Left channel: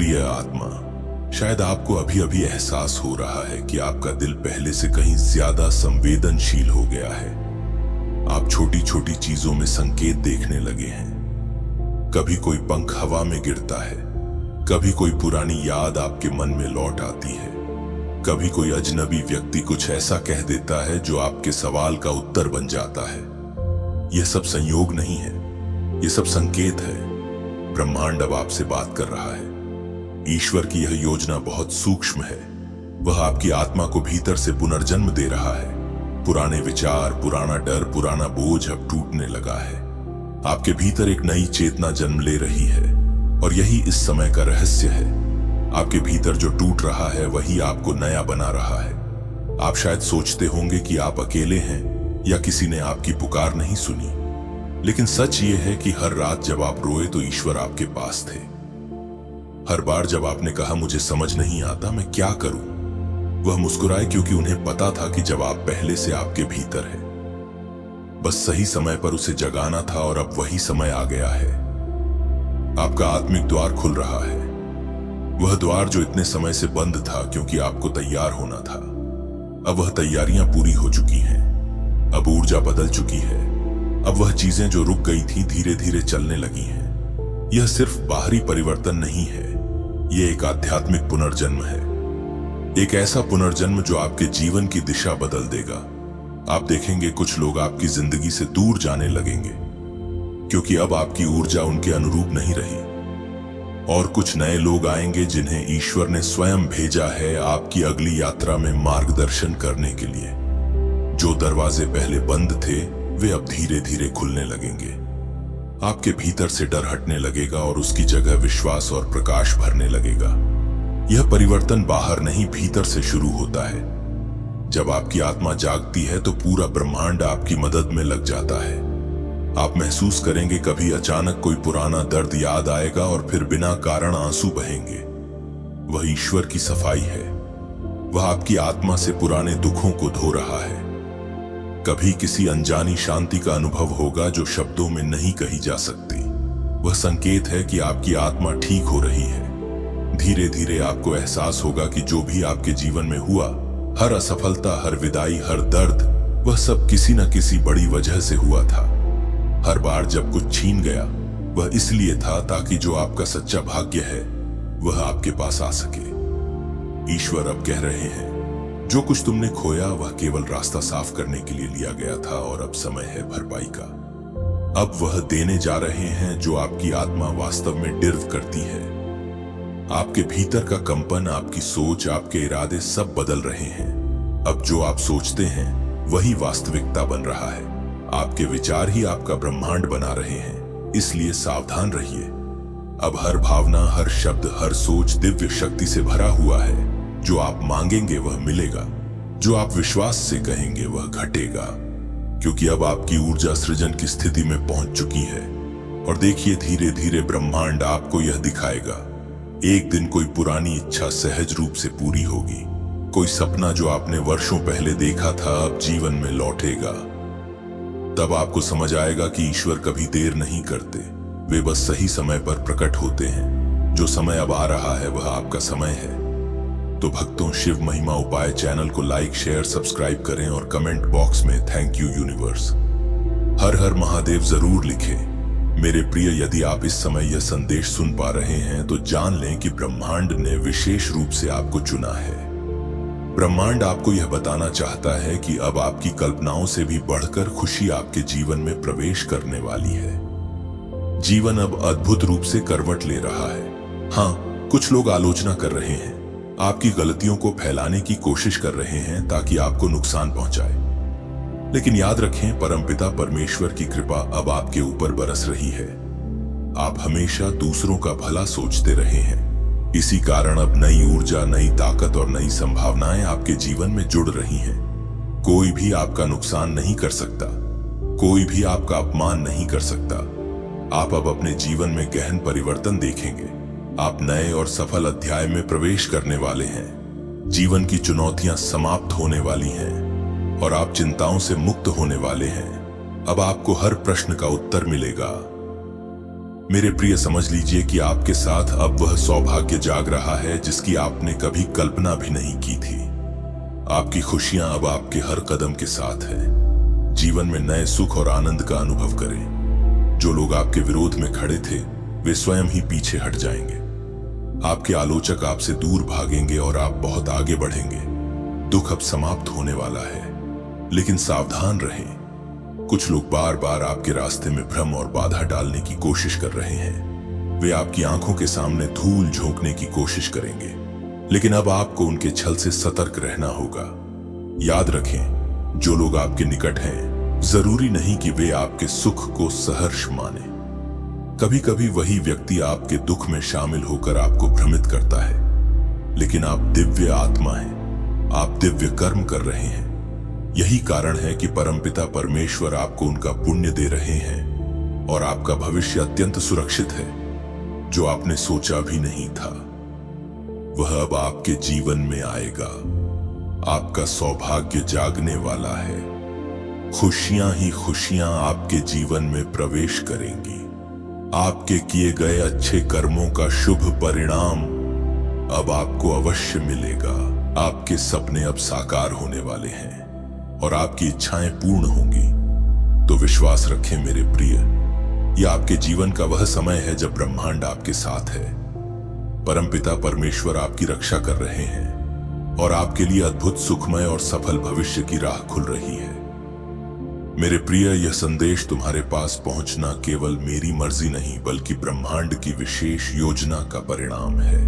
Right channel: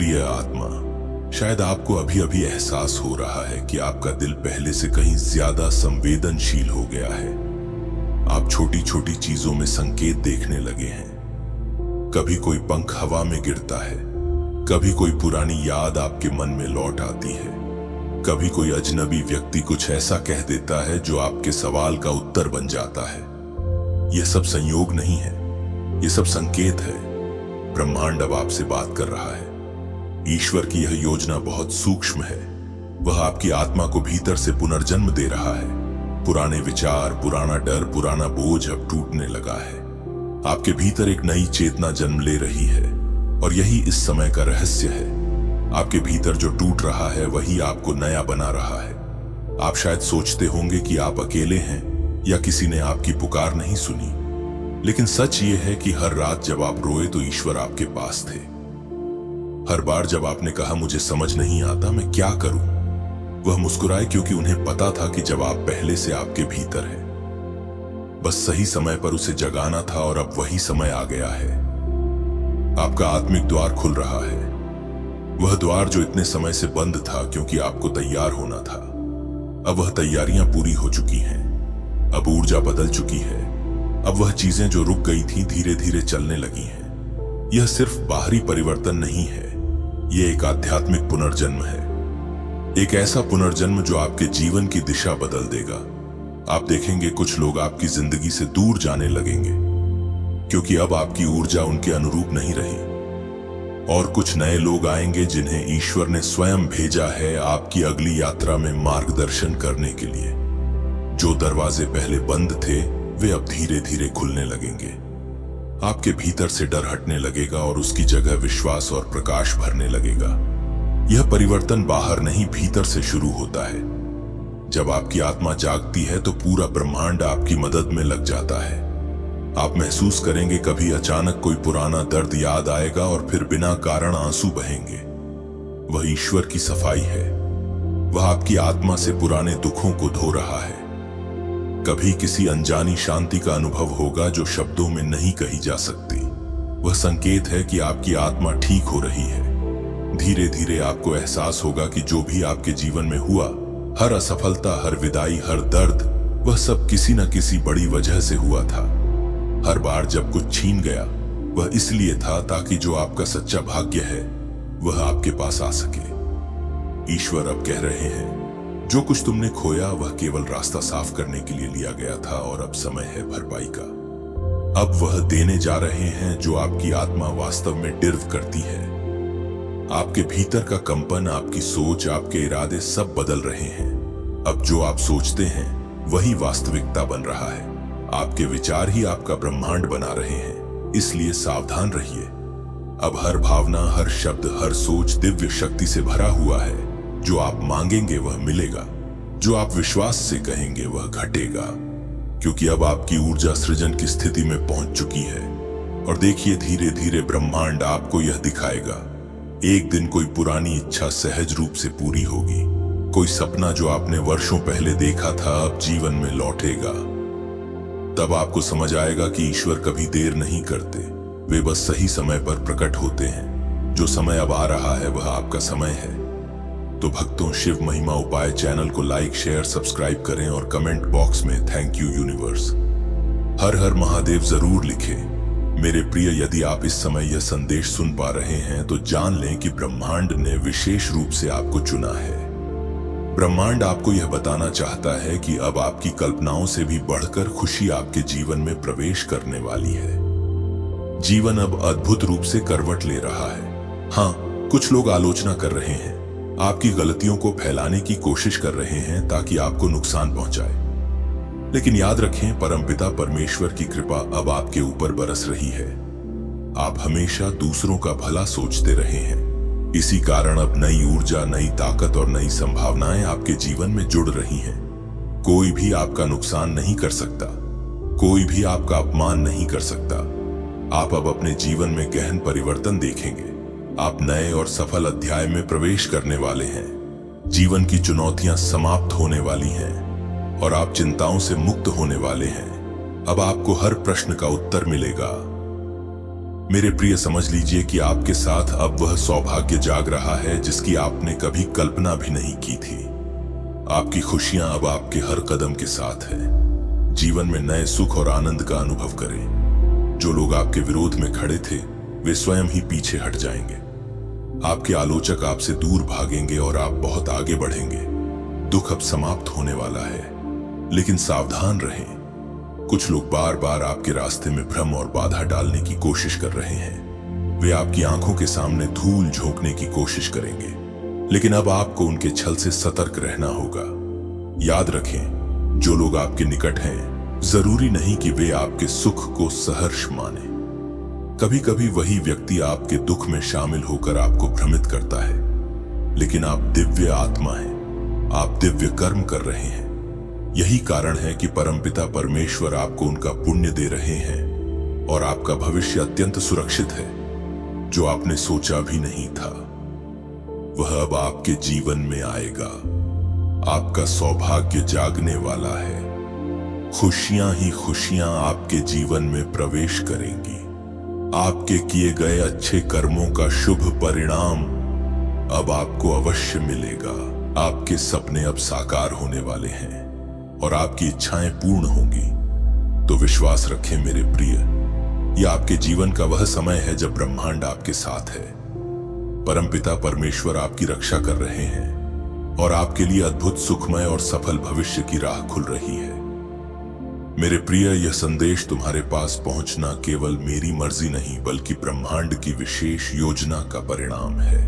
प्रिय आत्मा, शायद आपको अभी अभी एहसास हो रहा है कि आपका दिल पहले से कहीं ज्यादा संवेदनशील हो गया है। आप छोटी छोटी चीजों में संकेत देखने लगे हैं। कभी कोई पंख हवा में गिरता है, कभी कोई पुरानी याद आपके मन में लौट आती है, कभी कोई अजनबी व्यक्ति कुछ ऐसा कह देता है जो आपके सवाल का उत्तर बन जाता है। यह सब संयोग नहीं है, यह सब संकेत है। ब्रह्मांड अब आपसे बात कर रहा है। ईश्वर की यह योजना बहुत सूक्ष्म है। वह आपकी आत्मा को भीतर से पुनर्जन्म दे रहा है। पुराने विचार, पुराना डर, पुराना बोझ अब टूटने लगा है। आपके भीतर एक नई चेतना जन्म ले रही है और यही इस समय का रहस्य है। आपके भीतर जो टूट रहा है वही आपको नया बना रहा है। आप शायद सोचते होंगे कि आप अकेले हैं या किसी ने आपकी पुकार नहीं सुनी, लेकिन सच ये है कि हर रात जब आप रोए तो ईश्वर आपके पास थे। हर बार जब आपने कहा मुझे समझ नहीं आता, मैं क्या करूं, वह मुस्कुराए, क्योंकि उन्हें पता था कि जवाब पहले से आपके भीतर है। बस सही समय पर उसे जगाना था और अब वही समय आ गया है। आपका आत्मिक द्वार खुल रहा है, वह द्वार जो इतने समय से बंद था क्योंकि आपको तैयार होना था। अब वह तैयारियां पूरी हो चुकी हैं। अब ऊर्जा बदल चुकी है। अब वह चीजें जो रुक गई थी धीरे धीरे चलने लगी हैं। यह सिर्फ बाहरी परिवर्तन नहीं है, यह एक आध्यात्मिक पुनर्जन्म है। एक ऐसा पुनर्जन्म जो आपके जीवन की दिशा बदल देगा। आप देखेंगे कुछ लोग आपकी जिंदगी से दूर जाने लगेंगे क्योंकि अब आपकी ऊर्जा उनके अनुरूप नहीं रही, और कुछ नए लोग आएंगे जिन्हें ईश्वर ने स्वयं भेजा है आपकी अगली यात्रा में मार्गदर्शन करने के लिए। जो दरवाजे पहले बंद थे वे अब धीरे धीरे खुलने लगेंगे। आपके भीतर से डर हटने लगेगा और उसकी जगह विश्वास और प्रकाश भरने लगेगा। यह परिवर्तन बाहर नहीं, भीतर से शुरू होता है। जब आपकी आत्मा जागती है तो पूरा ब्रह्मांड आपकी मदद में लग जाता है। आप महसूस करेंगे कभी अचानक कोई पुराना दर्द याद आएगा और फिर बिना कारण आंसू बहेंगे। वह ईश्वर की सफाई है। वह आपकी आत्मा से पुराने दुखों को धो रहा है। कभी किसी अनजानी शांति का अनुभव होगा जो शब्दों में नहीं कही जा सकती। वह संकेत है कि आपकी आत्मा ठीक हो रही है। धीरे धीरे आपको एहसास होगा कि जो भी आपके जीवन में हुआ, हर असफलता, हर विदाई, हर दर्द, वह सब किसी न किसी बड़ी वजह से हुआ था। हर बार जब कुछ छीन गया वह इसलिए था ताकि जो आपका सच्चा भाग्य है वह आपके पास आ सके। ईश्वर अब कह रहे हैं, जो कुछ तुमने खोया वह केवल रास्ता साफ करने के लिए लिया गया था और अब समय है भरपाई का। अब वह देने जा रहे हैं जो आपकी आत्मा वास्तव में डिर्व करती है। आपके भीतर का कंपन, आपकी सोच, आपके इरादे सब बदल रहे हैं। अब जो आप सोचते हैं वही वास्तविकता बन रहा है। आपके विचार ही आपका ब्रह्मांड बना रहे हैं, इसलिए सावधान रहिए। अब हर भावना, हर शब्द, हर सोच दिव्य शक्ति से भरा हुआ है। जो आप मांगेंगे वह मिलेगा, जो आप विश्वास से कहेंगे वह घटेगा, क्योंकि अब आपकी ऊर्जा सृजन की स्थिति में पहुंच चुकी है। और देखिए, धीरे धीरे ब्रह्मांड आपको यह दिखाएगा। एक दिन कोई पुरानी इच्छा सहज रूप से पूरी होगी। कोई सपना जो आपने वर्षों पहले देखा था अब जीवन में लौटेगा। तब आपको समझ आएगा कि ईश्वर कभी देर नहीं करते, वे बस सही समय पर प्रकट होते हैं। जो समय अब आ रहा है वह आपका समय है। तो भक्तों, शिव महिमा उपाय चैनल को लाइक, शेयर, सब्सक्राइब करें और कमेंट बॉक्स में थैंक यू यूनिवर्स, हर हर महादेव जरूर लिखें। मेरे प्रिय, यदि आप इस समय यह संदेश सुन पा रहे हैं तो जान लें कि ब्रह्मांड ने विशेष रूप से आपको चुना है। ब्रह्मांड आपको यह बताना चाहता है कि अब आपकी कल्पनाओं से भी बढ़कर खुशी आपके जीवन में प्रवेश करने वाली है। जीवन अब अद्भुत रूप से करवट ले रहा है। हाँ, कुछ लोग आलोचना कर रहे हैं, आपकी गलतियों को फैलाने की कोशिश कर रहे हैं ताकि आपको नुकसान पहुंचाए। लेकिन याद रखें, परमपिता परमेश्वर की कृपा अब आपके ऊपर बरस रही है। आप हमेशा दूसरों का भला सोचते रहे हैं, इसी कारण अब नई ऊर्जा, नई ताकत और नई संभावनाएं आपके जीवन में जुड़ रही हैं। कोई भी आपका नुकसान नहीं कर सकता, कोई भी आपका अपमान नहीं कर सकता। आप अब अपने जीवन में गहन परिवर्तन देखेंगे। आप नए और सफल अध्याय में प्रवेश करने वाले हैं। जीवन की चुनौतियां समाप्त होने वाली हैं और आप चिंताओं से मुक्त होने वाले हैं। अब आपको हर प्रश्न का उत्तर मिलेगा। मेरे प्रिय, समझ लीजिए कि आपके साथ अब वह सौभाग्य जाग रहा है जिसकी आपने कभी कल्पना भी नहीं की थी। आपकी खुशियां अब आपके हर कदम के साथ है। जीवन में नए सुख और आनंद का अनुभव करें। जो लोग आपके विरोध में खड़े थे वे स्वयं ही पीछे हट जाएंगे। आपके आलोचक आपसे दूर भागेंगे और आप बहुत आगे बढ़ेंगे। दुख अब समाप्त होने वाला है, लेकिन सावधान रहें। कुछ लोग बार बार आपके रास्ते में भ्रम और बाधा डालने की कोशिश कर रहे हैं। वे आपकी आंखों के सामने धूल झोंकने की कोशिश करेंगे, लेकिन अब आपको उनके छल से सतर्क रहना होगा। याद रखें, जो लोग आपके निकट हैं, जरूरी नहीं कि वे आपके सुख को सहर्ष माने। कभी कभी वही व्यक्ति आपके दुख में शामिल होकर आपको भ्रमित करता है, लेकिन आप दिव्य आत्मा हैं। आप दिव्य कर्म कर रहे हैं। यही कारण है कि परमपिता परमेश्वर आपको उनका पुण्य दे रहे हैं और आपका भविष्य अत्यंत सुरक्षित है। जो आपने सोचा भी नहीं था वह अब आपके जीवन में आएगा। आपका सौभाग्य जागने वाला है। खुशियां ही खुशियां आपके जीवन में प्रवेश करेंगी। आपके किए गए अच्छे कर्मों का शुभ परिणाम अब आपको अवश्य मिलेगा। आपके सपने अब साकार होने वाले हैं और आपकी इच्छाएं पूर्ण होंगी। तो विश्वास रखें मेरे प्रिय, यह आपके जीवन का वह समय है जब ब्रह्मांड आपके साथ है। परमपिता परमेश्वर आपकी रक्षा कर रहे हैं और आपके लिए अद्भुत सुखमय और सफल भविष्य की राह खुल रही है। मेरे प्रिय, यह संदेश तुम्हारे पास पहुंचना केवल मेरी मर्जी नहीं बल्कि ब्रह्मांड की विशेष योजना का परिणाम है।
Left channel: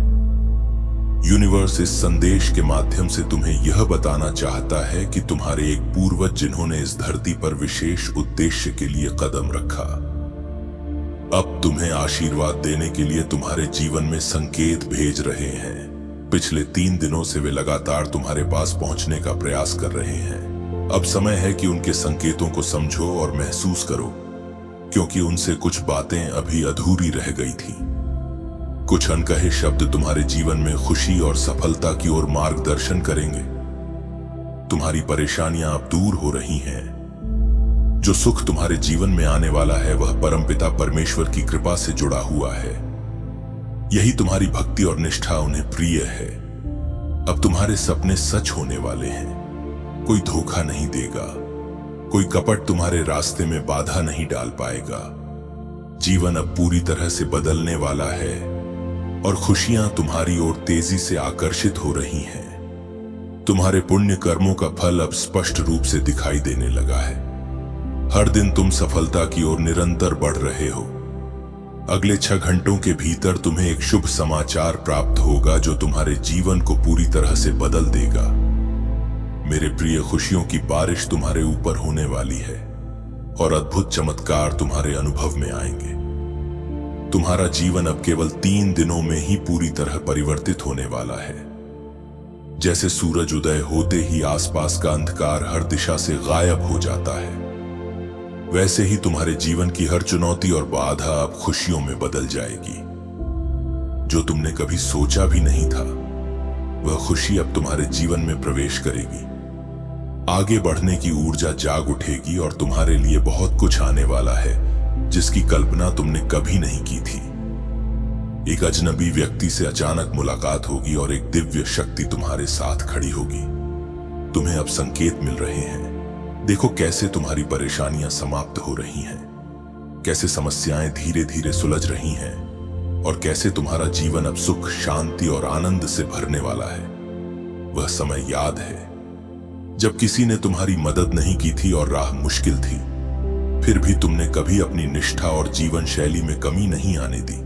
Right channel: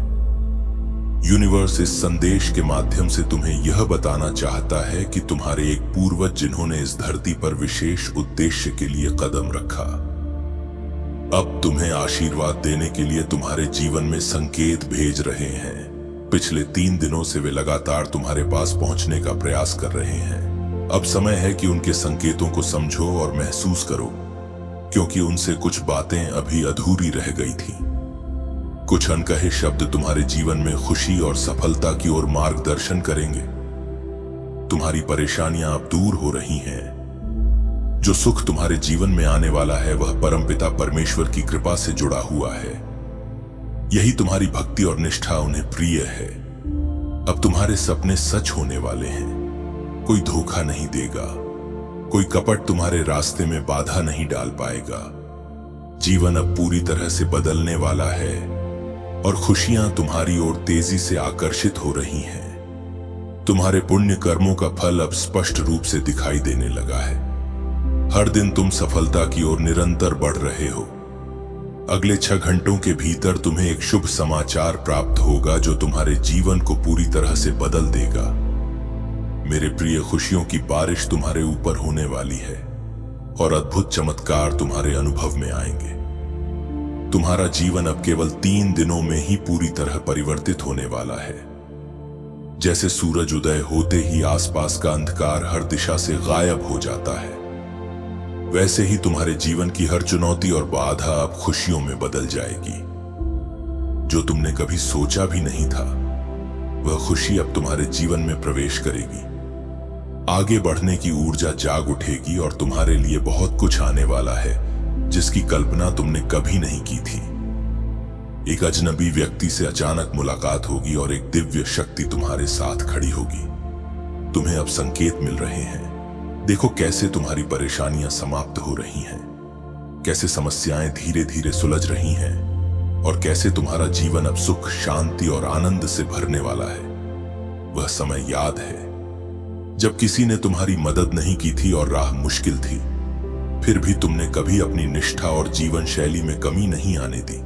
यूनिवर्स इस संदेश के माध्यम से तुम्हें यह बताना चाहता है कि तुम्हारे एक पूर्वज जिन्होंने इस धरती पर विशेष उद्देश्य के लिए कदम रखा, अब तुम्हें आशीर्वाद देने के लिए तुम्हारे जीवन में संकेत भेज रहे हैं। पिछले 3 दिनों से वे लगातार तुम्हारे पास पहुंचने का प्रयास कर रहे हैं। अब समय है कि उनके संकेतों को समझो और महसूस करो, क्योंकि उनसे कुछ बातें अभी अधूरी रह गई थीं। कुछ अनकहे शब्द तुम्हारे जीवन में खुशी और सफलता की ओर मार्गदर्शन करेंगे। तुम्हारी परेशानियां अब दूर हो रही हैं। जो सुख तुम्हारे जीवन में आने वाला है वह परमपिता परमेश्वर की कृपा से जुड़ा हुआ है। यही तुम्हारी भक्ति और निष्ठा उन्हें प्रिय है। अब तुम्हारे सपने सच होने वाले हैं। कोई धोखा नहीं देगा, कोई कपट तुम्हारे रास्ते में बाधा नहीं डाल पाएगा। जीवन अब पूरी तरह से बदलने वाला है और खुशियां तुम्हारी ओर तेजी से आकर्षित हो रही हैं। तुम्हारे पुण्य कर्मों का फल अब स्पष्ट रूप से दिखाई देने लगा है। हर दिन तुम सफलता की ओर निरंतर बढ़ रहे हो। अगले 6 घंटों के भीतर तुम्हें एक शुभ समाचार प्राप्त होगा जो तुम्हारे जीवन को पूरी तरह से बदल देगा। मेरे प्रिय, खुशियों की बारिश तुम्हारे ऊपर होने वाली है और अद्भुत चमत्कार तुम्हारे अनुभव में आएंगे। तुम्हारा जीवन अब केवल 3 दिनों में ही पूरी तरह परिवर्तित होने वाला है। जैसे सूरज उदय होते ही आसपास का अंधकार हर दिशा से गायब हो जाता है, वैसे ही तुम्हारे जीवन की हर चुनौती और बाधा अब खुशियों में बदल जाएगी। जो तुमने कभी सोचा भी नहीं था वह खुशी अब तुम्हारे जीवन में प्रवेश करेगी। आगे बढ़ने की ऊर्जा जाग उठेगी और तुम्हारे लिए बहुत कुछ आने वाला है जिसकी कल्पना तुमने कभी नहीं की थी। एक अजनबी व्यक्ति से अचानक मुलाकात होगी और एक दिव्य शक्ति तुम्हारे साथ खड़ी होगी। तुम्हें अब संकेत मिल रहे हैं। देखो कैसे तुम्हारी परेशानियां समाप्त हो रही हैं, कैसे समस्याएं धीरे धीरे सुलझ रही हैं और कैसे तुम्हारा जीवन अब सुख, शांति और आनंद से भरने वाला है। वह समय याद है जब किसी ने तुम्हारी मदद नहीं की थी और राह मुश्किल थी, फिर भी तुमने कभी अपनी निष्ठा और जीवन शैली में कमी नहीं आने दी।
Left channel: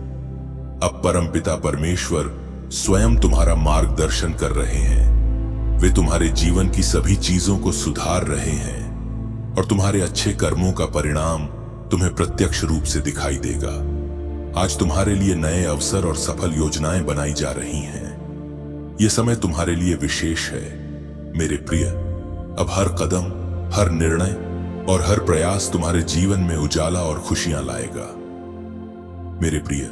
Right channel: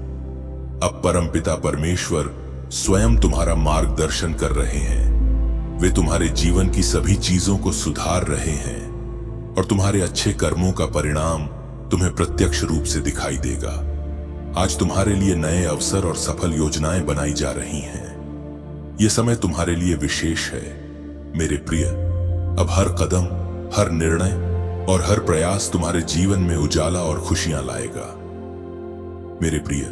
अब परमपिता परमेश्वर स्वयं तुम्हारा मार्गदर्शन कर रहे हैं। वे तुम्हारे जीवन की सभी चीजों को सुधार रहे हैं और तुम्हारे अच्छे कर्मों का परिणाम तुम्हें प्रत्यक्ष रूप से दिखाई देगा। आज तुम्हारे लिए नए अवसर और सफल योजनाएं बनाई जा रही हैं। यह समय तुम्हारे लिए विशेष है मेरे प्रिय। अब हर कदम, हर निर्णय और हर प्रयास तुम्हारे जीवन में उजाला और खुशियां लाएगा। मेरे प्रिय,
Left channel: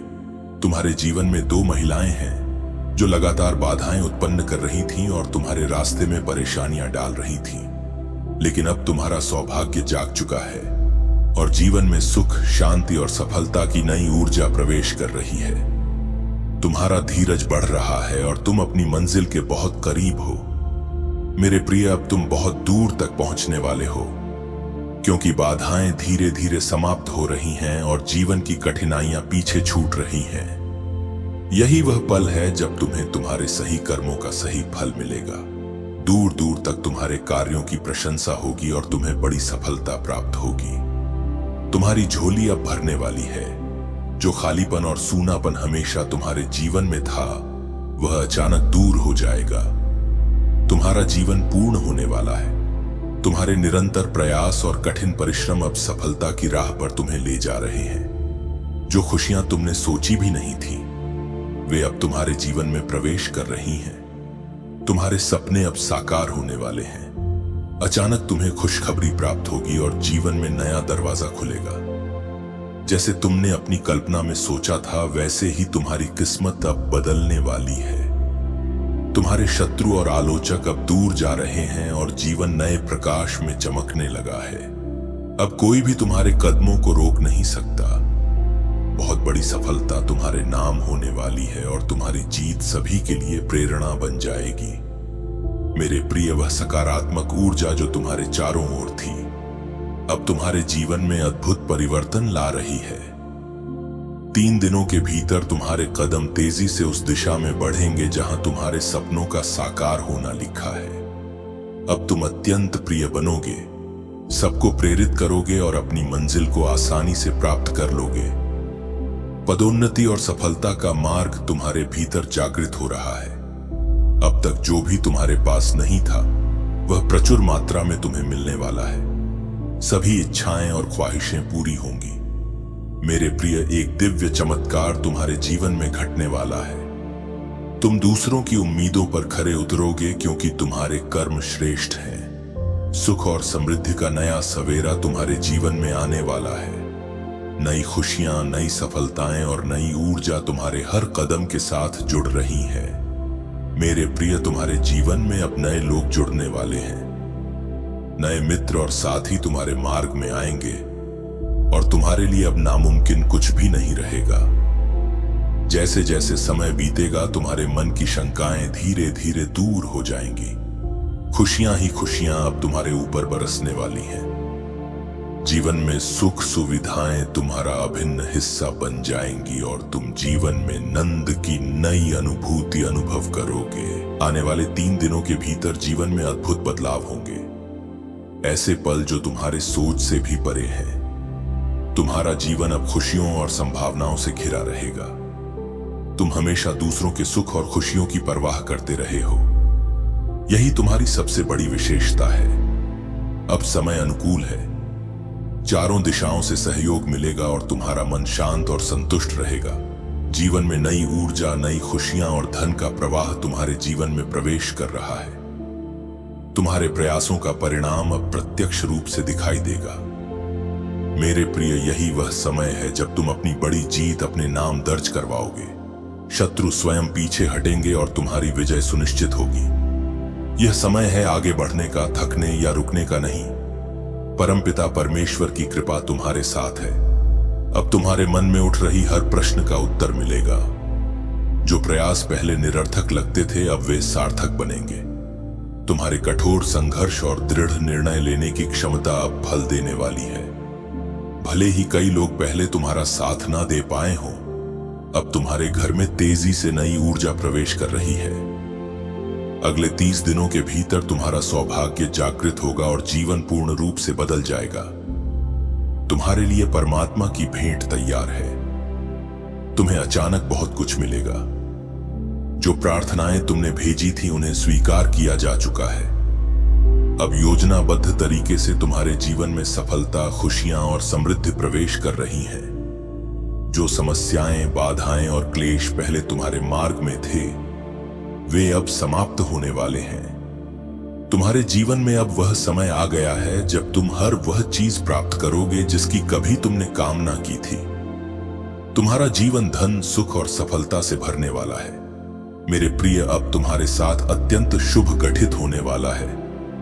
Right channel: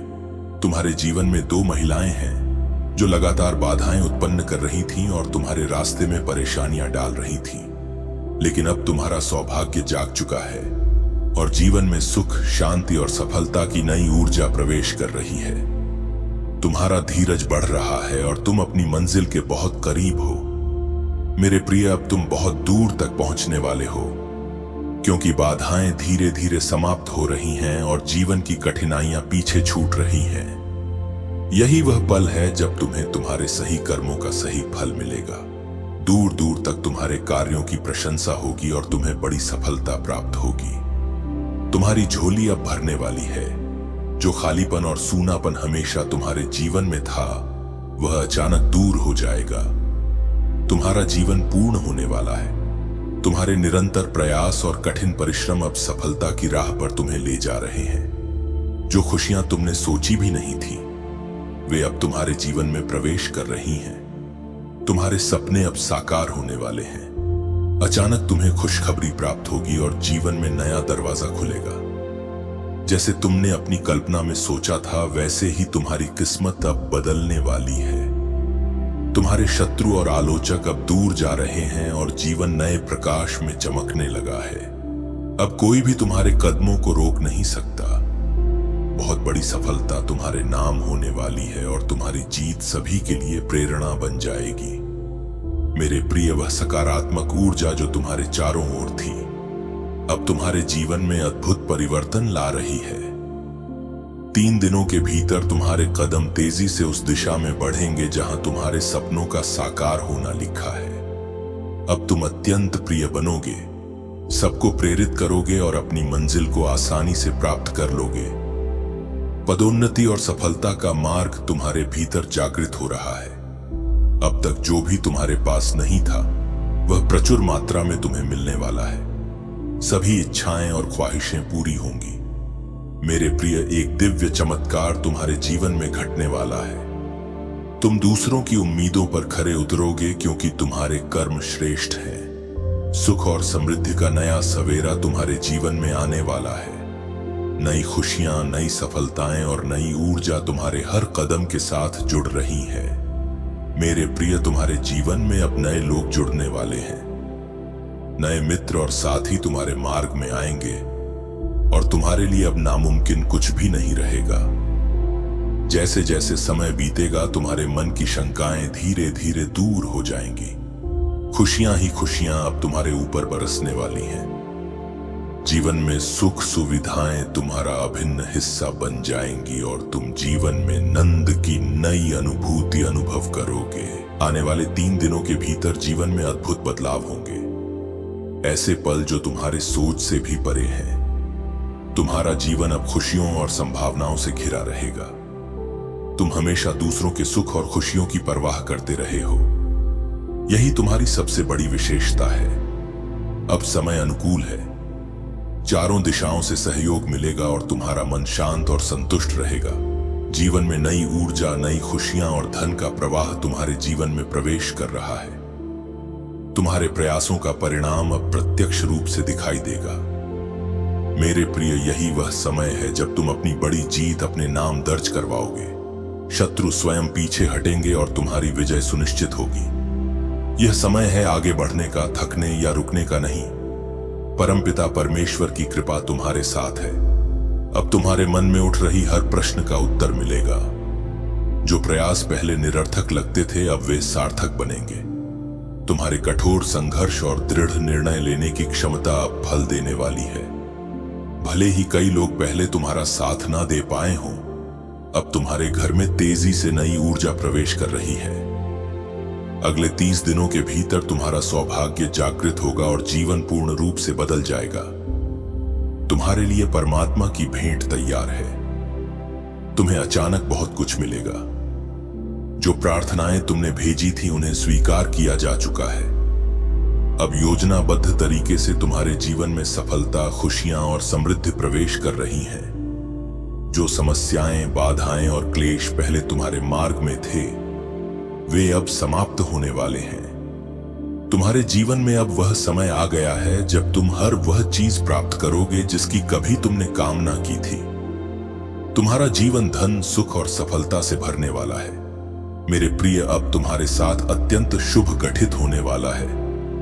तुम्हारे जीवन में 2 महिलाएं हैं जो लगातार बाधाएं उत्पन्न कर रही थीं और तुम्हारे रास्ते में परेशानियां डाल रही थीं। लेकिन अब तुम्हारा सौभाग्य जाग चुका है और जीवन में सुख, शांति और सफलता की नई ऊर्जा प्रवेश कर रही है। तुम्हारा धीरज बढ़ रहा है और तुम अपनी मंजिल के बहुत करीब हो। मेरे प्रिय, अब तुम बहुत दूर तक पहुंचने वाले हो, क्योंकि बाधाएं धीरे धीरे समाप्त हो रही हैं और जीवन की कठिनाइयां पीछे छूट रही हैं। यही वह पल है जब तुम्हें तुम्हारे सही कर्मों का सही फल मिलेगा। दूर दूर तक तुम्हारे कार्यों की प्रशंसा होगी और तुम्हें बड़ी सफलता प्राप्त होगी। तुम्हारी झोली अब भरने वाली है। जो खालीपन और सूनापन हमेशा तुम्हारे जीवन में था, वह अचानक दूर हो जाएगा। तुम्हारा जीवन पूर्ण होने वाला है। तुम्हारे निरंतर प्रयास और कठिन परिश्रम अब सफलता की राह पर तुम्हें ले जा रहे हैं। जो खुशियां तुमने सोची भी नहीं थी, वे अब तुम्हारे जीवन में प्रवेश कर रही हैं। तुम्हारे सपने अब साकार होने वाले हैं। अचानक तुम्हें खुशखबरी प्राप्त होगी और जीवन में नया दरवाजा खुलेगा। जैसे तुमने अपनी कल्पना में सोचा था, वैसे ही तुम्हारी किस्मत अब बदलने वाली है। तुम्हारे शत्रु और आलोचक अब दूर जा रहे हैं और जीवन नए प्रकाश में चमकने लगा है। अब कोई भी तुम्हारे कदमों को रोक नहीं सकता। बहुत बड़ी सफलता तुम्हारे नाम होने वाली है और तुम्हारी जीत सभी के लिए प्रेरणा बन जाएगी। मेरे प्रिय, वह सकारात्मक ऊर्जा जो तुम्हारे चारों ओर थी, अब तुम्हारे जीवन में अद्भुत परिवर्तन ला रही है। 3 दिनों के भीतर तुम्हारे कदम तेजी से उस दिशा में बढ़ेंगे जहां तुम्हारे सपनों का साकार होना लिखा है। अब तुम अत्यंत प्रिय बनोगे, सबको प्रेरित करोगे और अपनी मंजिल को आसानी से प्राप्त कर लोगे। पदोन्नति और सफलता का मार्ग तुम्हारे भीतर जागृत हो रहा है। अब तक जो भी तुम्हारे पास नहीं था, वह प्रचुर मात्रा में तुम्हें मिलने वाला है। सभी इच्छाएं और ख्वाहिशें पूरी होंगी। मेरे प्रिय, एक दिव्य चमत्कार तुम्हारे जीवन में घटने वाला है। तुम दूसरों की उम्मीदों पर खरे उतरोगे, क्योंकि तुम्हारे कर्म श्रेष्ठ हैं। सुख और समृद्धि का नया सवेरा तुम्हारे जीवन में आने वाला है। नई खुशियां, नई सफलताएं और नई ऊर्जा तुम्हारे हर कदम के साथ जुड़ रही हैं। मेरे प्रिय, तुम्हारे जीवन में अब नए लोग जुड़ने वाले हैं। नए मित्र और साथी तुम्हारे मार्ग में आएंगे और तुम्हारे लिए अब नामुमकिन कुछ भी नहीं रहेगा। जैसे जैसे समय बीतेगा, तुम्हारे मन की शंकाएं धीरे धीरे दूर हो जाएंगी। खुशियां ही खुशियां अब तुम्हारे ऊपर बरसने वाली हैं। जीवन में सुख सुविधाएं तुम्हारा अभिन्न हिस्सा बन जाएंगी और तुम जीवन में नंद की नई अनुभूति अनुभव करोगे। आने वाले 3 दिनों के भीतर जीवन में अद्भुत बदलाव होंगे, ऐसे पल जो तुम्हारे सोच से भी परे हैं। तुम्हारा जीवन अब खुशियों और संभावनाओं से घिरा रहेगा। तुम हमेशा दूसरों के सुख और खुशियों की परवाह करते रहे हो। यही तुम्हारी सबसे बड़ी विशेषता है। अब समय अनुकूल है। चारों दिशाओं से सहयोग मिलेगा और तुम्हारा मन शांत और संतुष्ट रहेगा। जीवन में नई ऊर्जा, नई खुशियां और धन का प्रवाह तुम्हारे जीवन में प्रवेश कर रहा है। तुम्हारे प्रयासों का परिणाम अब प्रत्यक्ष रूप से दिखाई देगा। मेरे प्रिय, यही वह समय है जब तुम अपनी बड़ी जीत अपने नाम दर्ज करवाओगे। शत्रु स्वयं पीछे हटेंगे और तुम्हारी विजय सुनिश्चित होगी। यह समय है आगे बढ़ने का, थकने या रुकने का नहीं। परमपिता परमेश्वर की कृपा तुम्हारे साथ है। अब तुम्हारे मन में उठ रही हर प्रश्न का उत्तर मिलेगा। जो प्रयास पहले निरर्थक लगते थे, अब वे सार्थक बनेंगे। तुम्हारे कठोर संघर्ष और दृढ़ निर्णय लेने की क्षमता अब फल देने वाली है। भले ही कई लोग पहले तुम्हारा साथ ना दे पाए हों, अब तुम्हारे घर में तेजी से नई ऊर्जा प्रवेश कर रही है। अगले 30 दिनों के भीतर तुम्हारा सौभाग्य जागृत होगा और जीवन पूर्ण रूप से बदल जाएगा। तुम्हारे लिए परमात्मा की भेंट तैयार है। तुम्हें अचानक बहुत कुछ मिलेगा। जो प्रार्थनाएं तुमने भेजी थी, उन्हें स्वीकार किया जा चुका है। अब योजनाबद्ध तरीके से तुम्हारे जीवन में सफलता, खुशियां और समृद्धि प्रवेश कर रही हैं। जो समस्याएं, बाधाएं और क्लेश पहले तुम्हारे मार्ग में थे, वे अब समाप्त होने वाले हैं। तुम्हारे जीवन में अब वह समय आ गया है जब तुम हर वह चीज प्राप्त करोगे जिसकी कभी तुमने कामना की थी। तुम्हारा जीवन धन, सुख और सफलता से भरने वाला है। मेरे प्रिय, अब तुम्हारे साथ अत्यंत शुभ गठित होने वाला है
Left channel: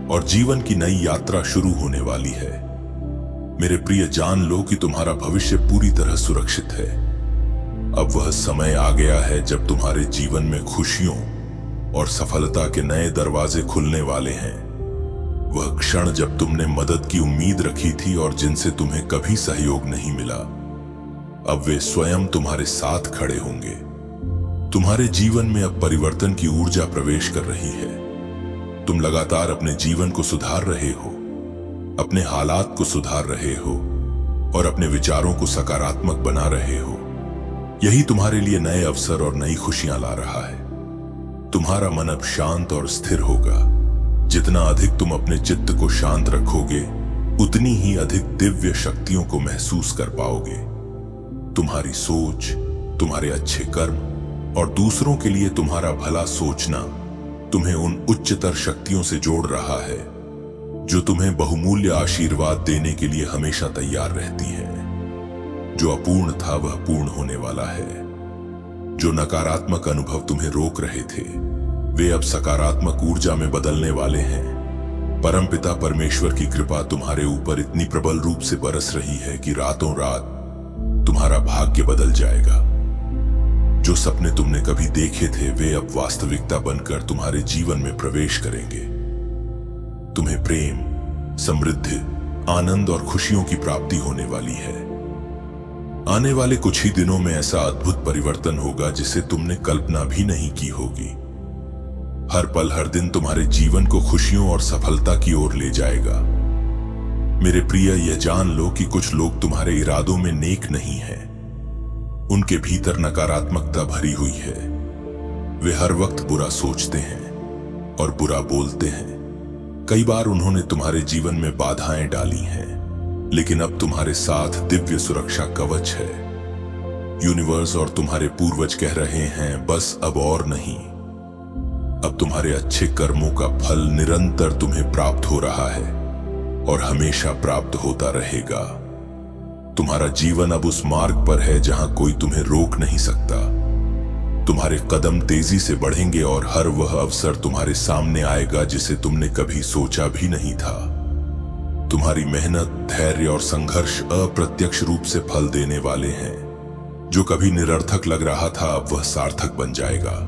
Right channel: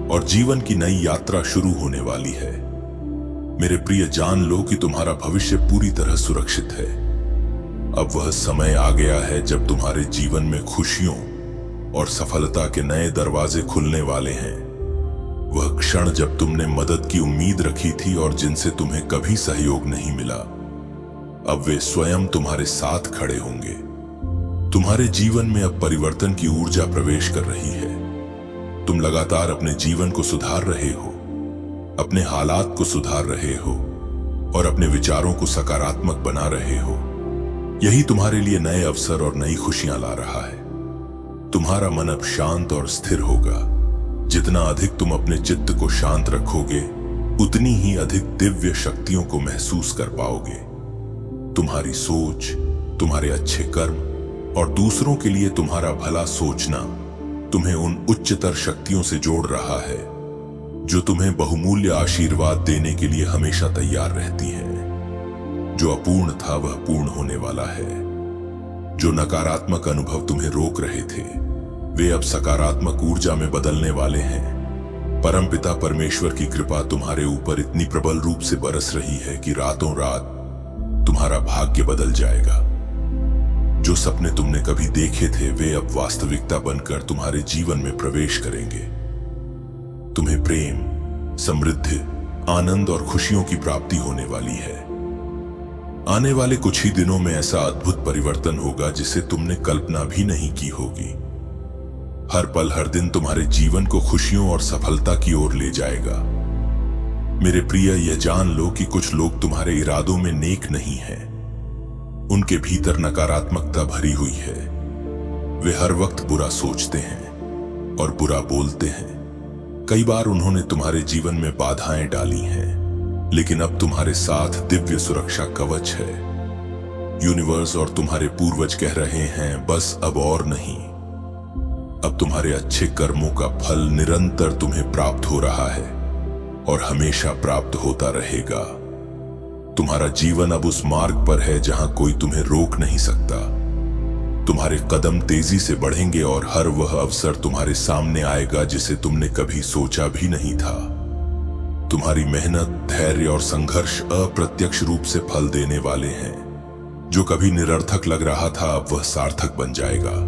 और जीवन की नई यात्रा शुरू होने वाली है। मेरे प्रिय, जान लो कि तुम्हारा भविष्य पूरी तरह सुरक्षित है। अब वह समय आ गया है जब तुम्हारे जीवन में खुशियों और सफलता के नए दरवाजे खुलने वाले हैं। वह क्षण जब तुमने मदद की उम्मीद रखी थी और जिनसे तुम्हें कभी सहयोग नहीं मिला, अब वे स्वयं तुम्हारे साथ खड़े होंगे। तुम्हारे जीवन में अब परिवर्तन की ऊर्जा प्रवेश कर रही है। तुम लगातार अपने जीवन को सुधार रहे हो, अपने हालात को सुधार रहे हो और अपने विचारों को सकारात्मक बना रहे हो। यही तुम्हारे लिए नए अवसर और नई खुशियां ला रहा है। तुम्हारा मन अब शांत और स्थिर होगा। जितना अधिक तुम अपने चित्त को शांत रखोगे, उतनी ही अधिक दिव्य शक्तियों को महसूस कर पाओगे। तुम्हारी सोच, तुम्हारे अच्छे कर्म और दूसरों के लिए तुम्हारा भला सोचना तुम्हें उन उच्चतर शक्तियों से जोड़ रहा है जो तुम्हें बहुमूल्य आशीर्वाद देने के लिए हमेशा तैयार रहती है। जो अपूर्ण था वह पूर्ण होने वाला है। जो नकारात्मक अनुभव तुम्हें रोक रहे थे, वे अब सकारात्मक ऊर्जा में बदलने वाले हैं। परमपिता परमेश्वर की कृपा तुम्हारे ऊपर इतनी प्रबल रूप से बरस रही है कि रातों रात तुम्हारा भाग्य बदल जाएगा। जो सपने तुमने कभी देखे थे, वे अब वास्तविकता बनकर तुम्हारे जीवन में प्रवेश करेंगे। तुम्हें प्रेम, समृद्धि, आनंद और खुशियों की प्राप्ति होने वाली है। आने वाले कुछ ही दिनों में ऐसा अद्भुत परिवर्तन होगा जिसे तुमने कल्पना भी नहीं की होगी। हर पल, हर दिन तुम्हारे जीवन को खुशियों और सफलता की ओर ले जाएगा। मेरे प्रिय, यह जान लो कि कुछ लोग तुम्हारे इरादों में नेक नहीं हैं। उनके भीतर नकारात्मकता भरी हुई है। वे हर वक्त बुरा सोचते हैं और बुरा बोलते हैं। कई बार उन्होंने तुम्हारे जीवन में बाधाएं डाली हैं, लेकिन अब तुम्हारे साथ दिव्य सुरक्षा कवच है। यूनिवर्स और तुम्हारे पूर्वज कह रहे हैं, बस अब और नहीं। अब तुम्हारे अच्छे कर्मों का फल निरंतर तुम्हें प्राप्त हो रहा है और हमेशा प्राप्त होता रहेगा। तुम्हारा जीवन अब उस मार्ग पर है जहां कोई तुम्हें रोक नहीं सकता। तुम्हारे कदम तेजी से बढ़ेंगे और हर वह अवसर तुम्हारे सामने आएगा जिसे तुमने कभी सोचा भी नहीं था। तुम्हारी मेहनत, धैर्य और संघर्ष अप्रत्यक्ष रूप से फल देने वाले हैं। जो कभी निरर्थक लग रहा था, अब वह सार्थक बन जाएगा।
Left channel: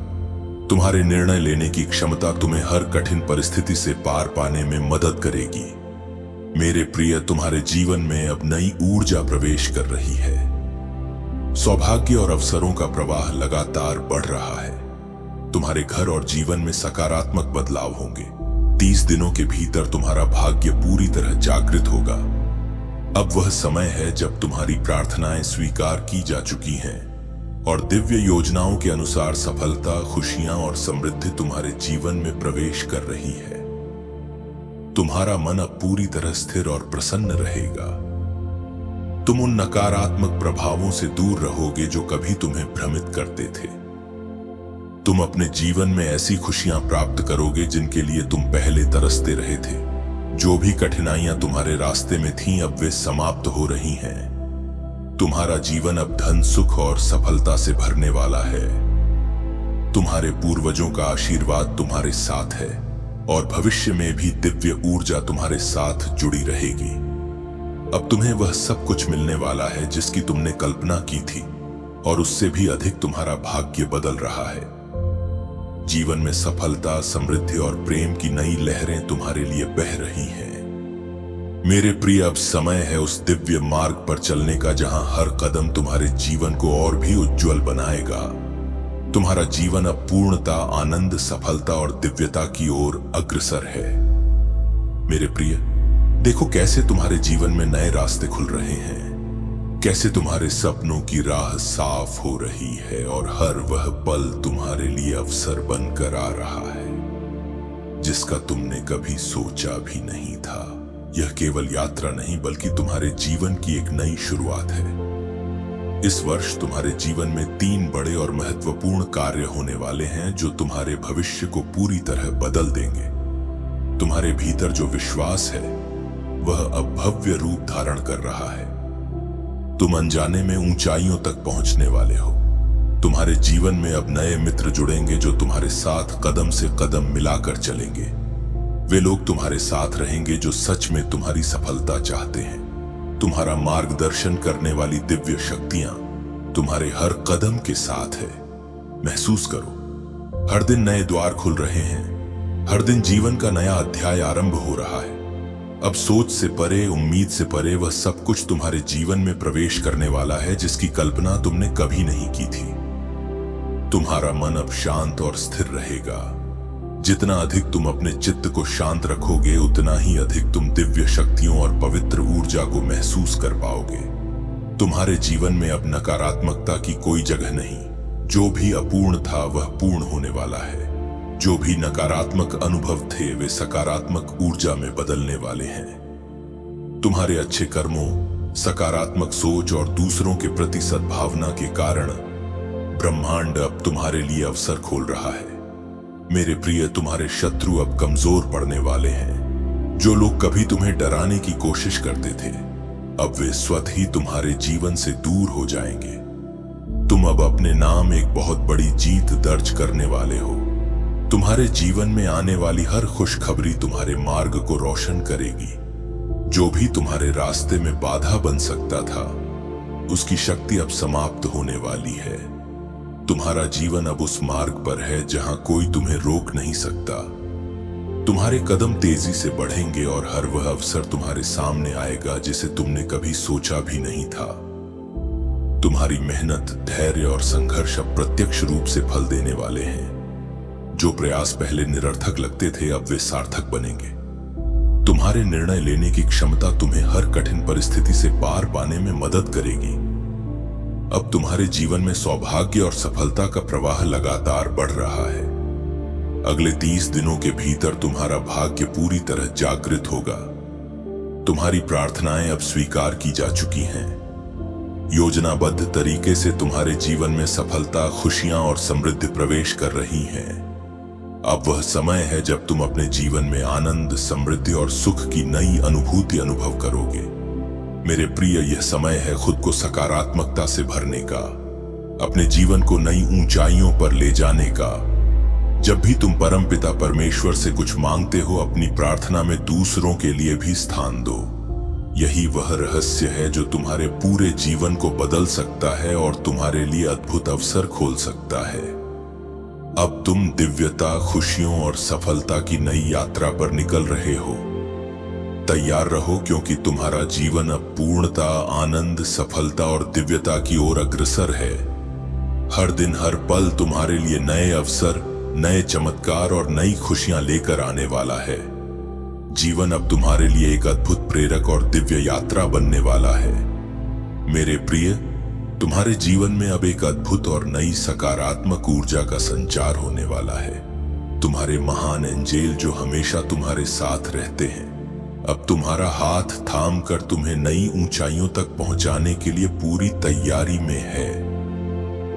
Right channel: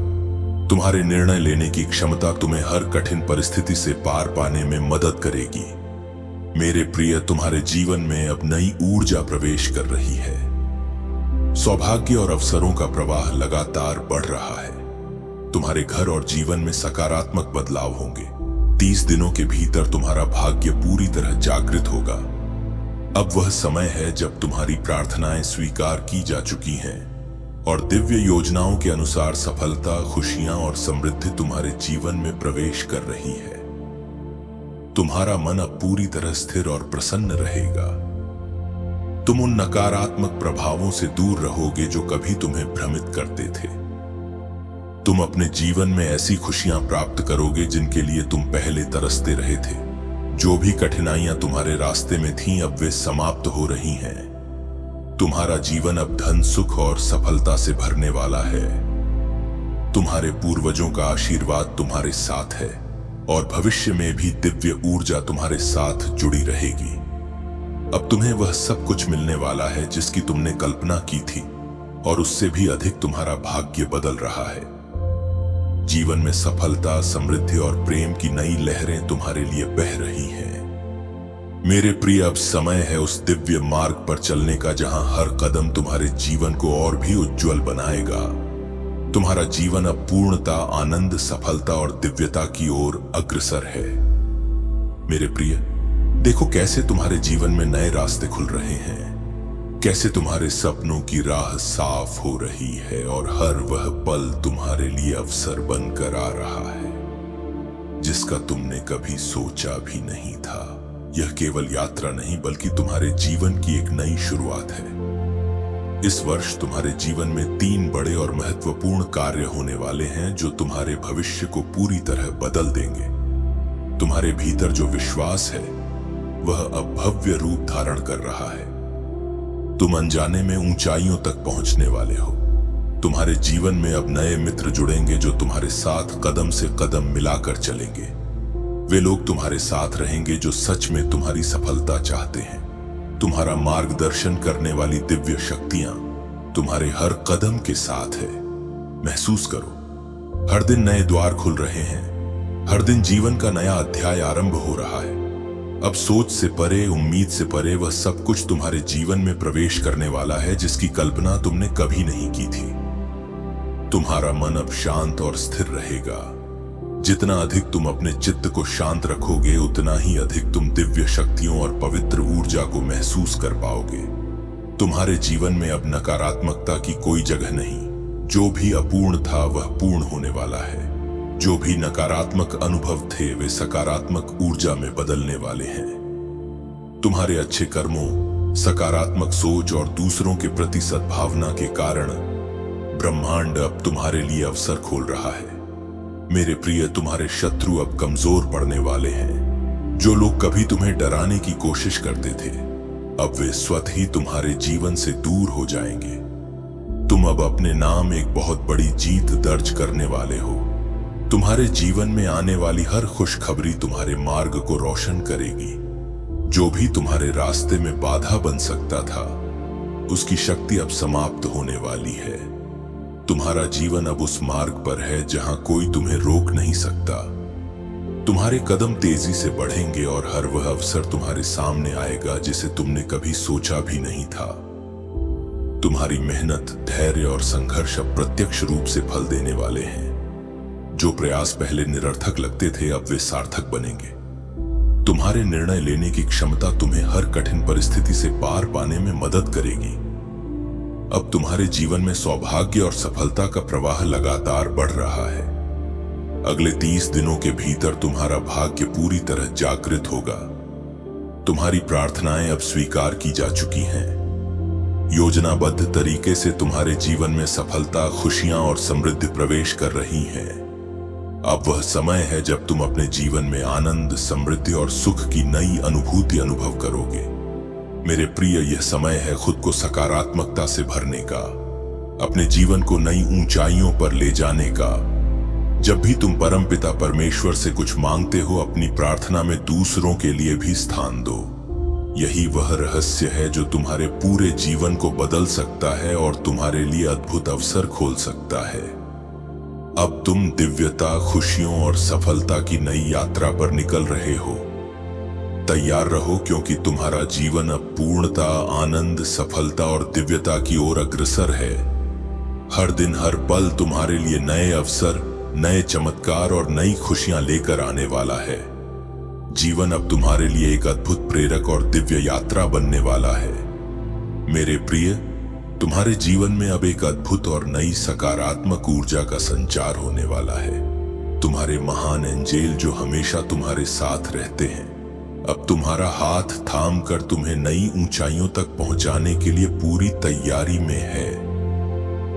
तुम्हारे निर्णय लेने की क्षमता तुम्हें हर कठिन परिस्थिति से पार पाने में मदद करेगी। मेरे प्रिय, तुम्हारे जीवन में अब नई ऊर्जा प्रवेश कर रही है। सौभाग्य और अवसरों का प्रवाह लगातार बढ़ रहा है। तुम्हारे घर और जीवन में सकारात्मक बदलाव होंगे। 30 दिनों के भीतर तुम्हारा भाग्य पूरी तरह जागृत होगा। अब वह समय है जब तुम्हारी प्रार्थनाएं स्वीकार की जा चुकी हैं और दिव्य योजनाओं के अनुसार सफलता, खुशियां और समृद्धि तुम्हारे जीवन में प्रवेश कर रही है। तुम्हारा मन अब पूरी तरह स्थिर और प्रसन्न रहेगा। तुम उन नकारात्मक प्रभावों से दूर रहोगे जो कभी तुम्हें भ्रमित करते थे। तुम अपने जीवन में ऐसी खुशियां प्राप्त करोगे जिनके लिए तुम पहले तरसते रहे थे। जो भी कठिनाइयां तुम्हारे रास्ते में थीं, अब वे समाप्त हो रही हैं। तुम्हारा जीवन अब धन, सुख और सफलता से भरने वाला है। तुम्हारे पूर्वजों का आशीर्वाद तुम्हारे साथ है और भविष्य में भी दिव्य ऊर्जा तुम्हारे साथ जुड़ी रहेगी। अब तुम्हें वह सब कुछ मिलने वाला है जिसकी तुमने कल्पना की थी और उससे भी अधिक तुम्हारा भाग्य बदल रहा है। जीवन में सफलता, समृद्धि और प्रेम की नई लहरें तुम्हारे लिए बह रही हैं। मेरे प्रिय, अब समय है उस दिव्य मार्ग पर चलने का जहां हर कदम तुम्हारे जीवन को और भी उज्जवल बनाएगा। तुम्हारा जीवन अब पूर्णता, आनंद, सफलता और दिव्यता की ओर अग्रसर है। मेरे प्रिय, देखो कैसे तुम्हारे जीवन में नए रास्ते खुल रहे हैं। कैसे तुम्हारे सपनों की राह साफ हो रही है और हर वह पल तुम्हारे लिए अवसर बनकर आ रहा है जिसका तुमने कभी सोचा भी नहीं था। यह केवल यात्रा नहीं बल्कि तुम्हारे जीवन की एक नई शुरुआत है। इस वर्ष तुम्हारे जीवन में 3 बड़े और महत्वपूर्ण कार्य होने वाले हैं जो तुम्हारे भविष्य को पूरी तरह बदल देंगे। तुम्हारे भीतर जो विश्वास है वह अब भव्य रूप धारण कर रहा है। तुम अनजाने में ऊंचाइयों तक पहुंचने वाले हो। तुम्हारे जीवन में अब नए मित्र जुड़ेंगे जो तुम्हारे साथ कदम से कदम मिलाकर चलेंगे। वे लोग तुम्हारे साथ रहेंगे जो सच में तुम्हारी सफलता चाहते हैं। तुम्हारा मार्गदर्शन करने वाली दिव्य शक्तियां तुम्हारे हर कदम के साथ है। महसूस करो, हर दिन नए द्वार खुल रहे हैं, हर दिन जीवन का नया अध्याय आरंभ हो रहा है। अब सोच से परे, उम्मीद से परे वह सब कुछ तुम्हारे जीवन में प्रवेश करने वाला है जिसकी कल्पना तुमने कभी नहीं की थी। तुम्हारा मन अब शांत और स्थिर रहेगा। जितना अधिक तुम अपने चित्त को शांत रखोगे, उतना ही अधिक तुम दिव्य शक्तियों और पवित्र ऊर्जा को महसूस कर पाओगे। तुम्हारे जीवन में अब नकारात्मकता की कोई जगह नहीं। जो भी अपूर्ण था वह पूर्ण होने वाला है। जो भी नकारात्मक अनुभव थे वे सकारात्मक ऊर्जा में बदलने वाले हैं। तुम्हारे अच्छे कर्मों, सकारात्मक सोच और दूसरों के प्रति सद्भावना के कारण ब्रह्मांड अब तुम्हारे लिए अवसर खोल रहा है। मेरे प्रिय, तुम्हारे शत्रु अब कमजोर पड़ने वाले हैं। जो लोग कभी तुम्हें डराने की कोशिश करते थे, अब वे स्वतः ही तुम्हारे जीवन से दूर हो जाएंगे। तुम अब अपने नाम एक बहुत बड़ी जीत दर्ज करने वाले हो। तुम्हारे जीवन में आने वाली हर खुशखबरी तुम्हारे मार्ग को रोशन करेगी। जो भी तुम्हारे रास्ते में बाधा बन सकता था, उसकी शक्ति अब समाप्त होने वाली है। तुम्हारा जीवन अब उस मार्ग पर है जहां कोई तुम्हें रोक नहीं सकता। तुम्हारे कदम तेजी से बढ़ेंगे और हर वह अवसर तुम्हारे सामने आएगा जिसे तुमने कभी सोचा भी नहीं था। तुम्हारी मेहनत, धैर्य और संघर्ष अब प्रत्यक्ष रूप से फल देने वाले हैं। जो प्रयास पहले निरर्थक लगते थे, अब वे सार्थक बनेंगे। तुम्हारे निर्णय लेने की क्षमता तुम्हें हर कठिन परिस्थिति से पार पाने में मदद करेगी। अब तुम्हारे जीवन में सौभाग्य और सफलता का प्रवाह लगातार बढ़ रहा है। अगले 30 दिनों के भीतर तुम्हारा भाग्य पूरी तरह जागृत होगा। तुम्हारी प्रार्थनाएं अब स्वीकार की जा चुकी हैं। योजनाबद्ध तरीके से तुम्हारे जीवन में सफलता, खुशियां और समृद्धि प्रवेश कर रही हैं। अब वह समय है जब तुम अपने जीवन में आनंद, समृद्धि और सुख की नई अनुभूति अनुभव करोगे। मेरे प्रिय, यह समय है खुद को सकारात्मकता से भरने का, अपने जीवन को नई ऊंचाइयों पर ले जाने का। जब भी तुम परमपिता परमेश्वर से कुछ मांगते हो, अपनी प्रार्थना में दूसरों के लिए भी स्थान दो। यही वह रहस्य है जो तुम्हारे पूरे जीवन को बदल सकता है और तुम्हारे लिए अद्भुत अवसर खोल सकता है। अब तुम दिव्यता, खुशियों और सफलता की नई यात्रा पर निकल रहे हो। तैयार रहो, क्योंकि तुम्हारा जीवन अब पूर्णता, आनंद, सफलता और दिव्यता की ओर अग्रसर है। हर दिन, हर पल तुम्हारे लिए नए अवसर, नए चमत्कार और नई खुशियां लेकर आने वाला है। जीवन अब तुम्हारे लिए एक अद्भुत प्रेरक और दिव्य यात्रा बनने वाला है। मेरे प्रिय, तुम्हारे जीवन में अब एक अद्भुत और नई सकारात्मक ऊर्जा का संचार होने वाला है। तुम्हारे महान एंजेल जो हमेशा तुम्हारे साथ रहते हैं, अब तुम्हारा हाथ थाम कर तुम्हें नई ऊंचाइयों तक पहुंचाने के लिए पूरी तैयारी में है।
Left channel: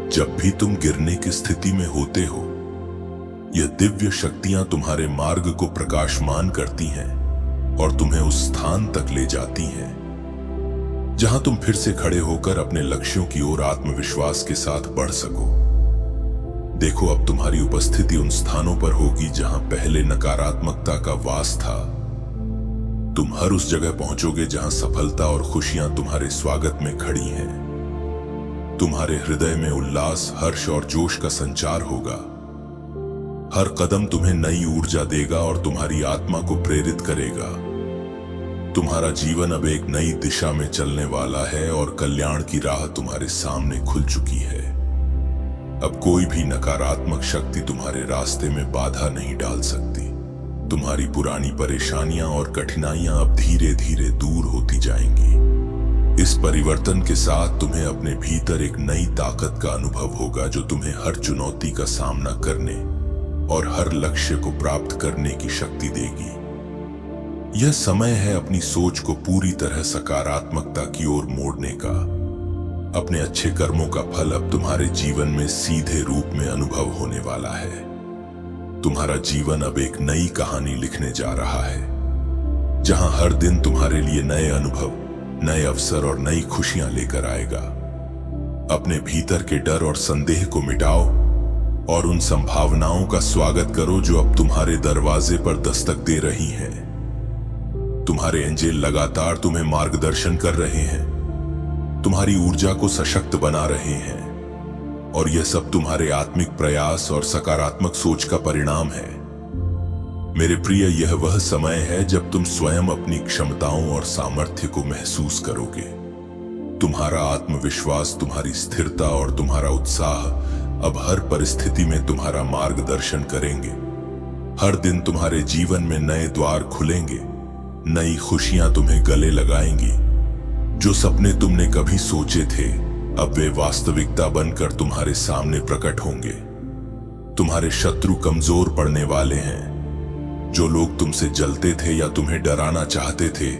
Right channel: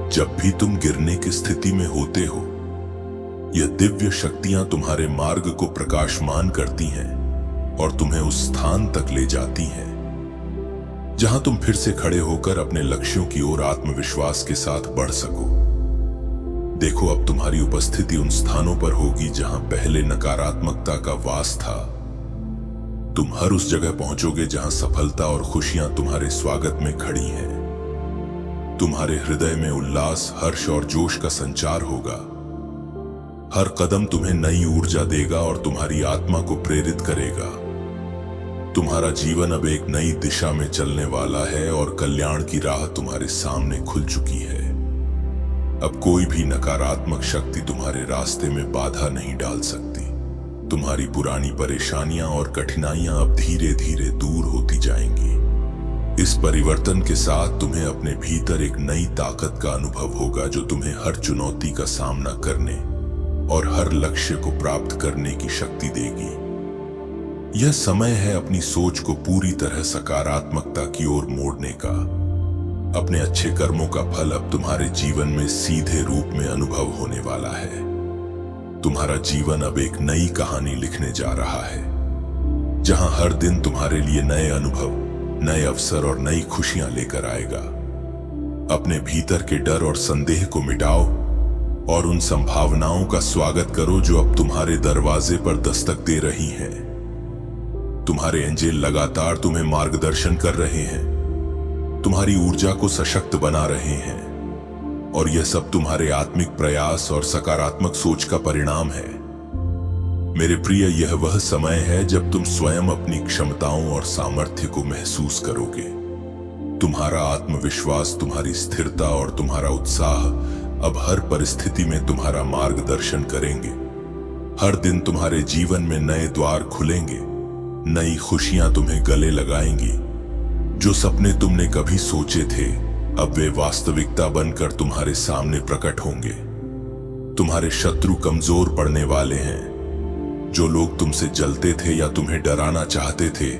जब भी तुम गिरने की स्थिति में होते हो, यह दिव्य शक्तियां तुम्हारे मार्ग को प्रकाशमान करती हैं और तुम्हें उस स्थान तक ले जाती हैं जहां तुम फिर से खड़े होकर अपने लक्ष्यों की ओर आत्मविश्वास के साथ बढ़ सको। देखो, अब तुम्हारी उपस्थिति उन स्थानों पर होगी जहां पहले नकारात्मकता का वास था। तुम हर उस जगह पहुंचोगे जहां सफलता और खुशियां तुम्हारे स्वागत में खड़ी हैं। तुम्हारे हृदय में उल्लास, हर्ष और जोश का संचार होगा। हर कदम तुम्हें नई ऊर्जा देगा और तुम्हारी आत्मा को प्रेरित करेगा। तुम्हारा जीवन अब एक नई दिशा में चलने वाला है और कल्याण की राह तुम्हारे सामने खुल चुकी है। अब कोई भी नकारात्मक शक्ति तुम्हारे रास्ते में बाधा नहीं डाल सकती। तुम्हारी पुरानी परेशानियां और कठिनाइयां अब धीरे धीरे दूर होती जाएंगी। इस परिवर्तन के साथ तुम्हें अपने भीतर एक नई ताकत का अनुभव होगा जो तुम्हें हर चुनौती का सामना करने और हर लक्ष्य को प्राप्त करने की शक्ति देगी। यह समय है अपनी सोच को पूरी तरह सकारात्मकता की ओर मोड़ने का। अपने अच्छे कर्मों का फल अब तुम्हारे जीवन में सीधे रूप में अनुभव होने वाला है। तुम्हारा जीवन अब एक नई कहानी लिखने जा रहा है, जहां हर दिन तुम्हारे लिए नए अनुभव, नए अवसर और नई खुशियां लेकर आएगा। अपने भीतर के डर और संदेह को मिटाओ और उन संभावनाओं का स्वागत करो जो अब तुम्हारे दरवाजे पर दस्तक दे रही हैं। तुम्हारे एंजेल लगातार तुम्हें मार्गदर्शन कर रहे हैं, तुम्हारी ऊर्जा को सशक्त बना रहे हैं, और यह सब तुम्हारे आत्मिक प्रयास और सकारात्मक सोच का परिणाम है। मेरे प्रिय, यह वह समय है जब तुम स्वयं अपनी क्षमताओं और सामर्थ्य को महसूस करोगे। तुम्हारा आत्मविश्वास, तुम्हारी स्थिरता और तुम्हारा उत्साह अब हर परिस्थिति में तुम्हारा मार्गदर्शन करेंगे। हर दिन तुम्हारे जीवन में नए द्वार खुलेंगे, नई खुशियां तुम्हें गले लगाएंगी। जो सपने तुमने कभी सोचे थे, अब वे वास्तविकता बनकर तुम्हारे सामने प्रकट होंगे। तुम्हारे शत्रु कमजोर पड़ने वाले हैं। जो लोग तुमसे जलते थे या तुम्हें डराना चाहते थे,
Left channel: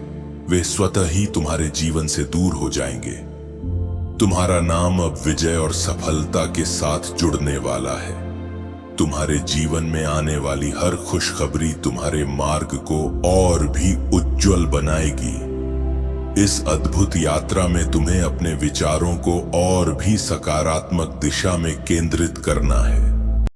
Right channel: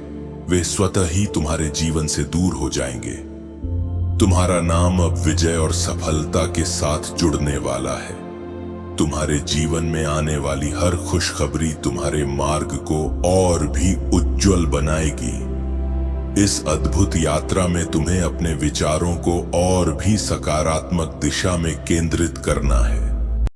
वे स्वतः ही तुम्हारे जीवन से दूर हो जाएंगे। तुम्हारा नाम अब विजय और सफलता के साथ जुड़ने वाला है। तुम्हारे जीवन में आने वाली हर खुशखबरी तुम्हारे मार्ग को और भी उज्जवल बनाएगी। इस अद्भुत यात्रा में तुम्हें अपने विचारों को और भी सकारात्मक दिशा में केंद्रित करना है।